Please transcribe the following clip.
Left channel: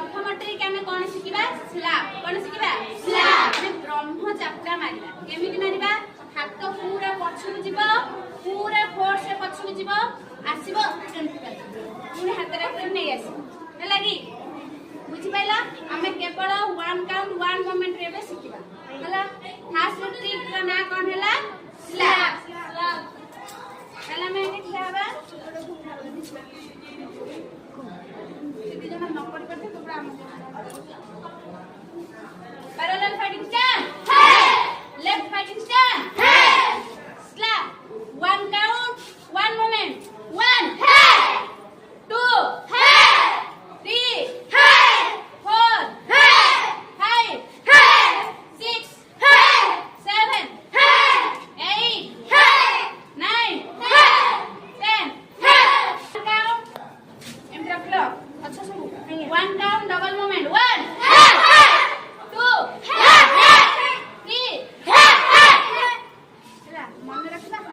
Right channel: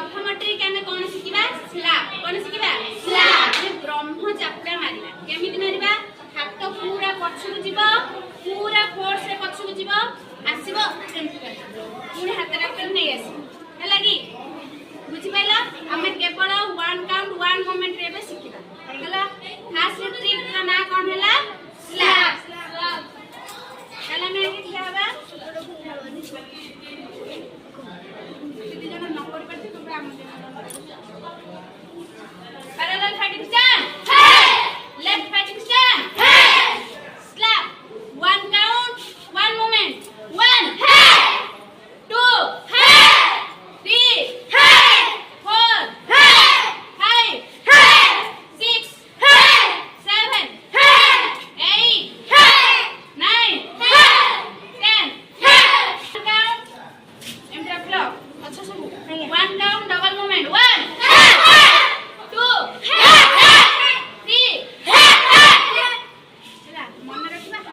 प्रथम ट्रिक आमे कोन सिकिबा स्लैप कोन सिकिबा स्लैप जे ब्रह्म चापड़ा मारिबा केमिति मारिबा हाथ पूरा पछुक जीव पूरा फोर्स रे पछुक जीव आसीबो पूरा हाथ रे नै आसीबो हला कि बुझि पाइला आमे केवल वन काउंट वन मोमेंट रे बे सिकिबा हला फास्ट ट्रिक रा ना कोन हला स्लैप हला मैं आगे क्या हबा Parallel fighting stand. Hey! Left fighting stand. Hey! Slap. One count, one moment. One. Hey! Two. Hey! Three. Hey! Four. Hey! Five. Hey! Six. Hey! Seven. Hey! Eight. Hey! Nine. Hey! 10. Hey! One count. Enter clock. अच्छा सब. One count double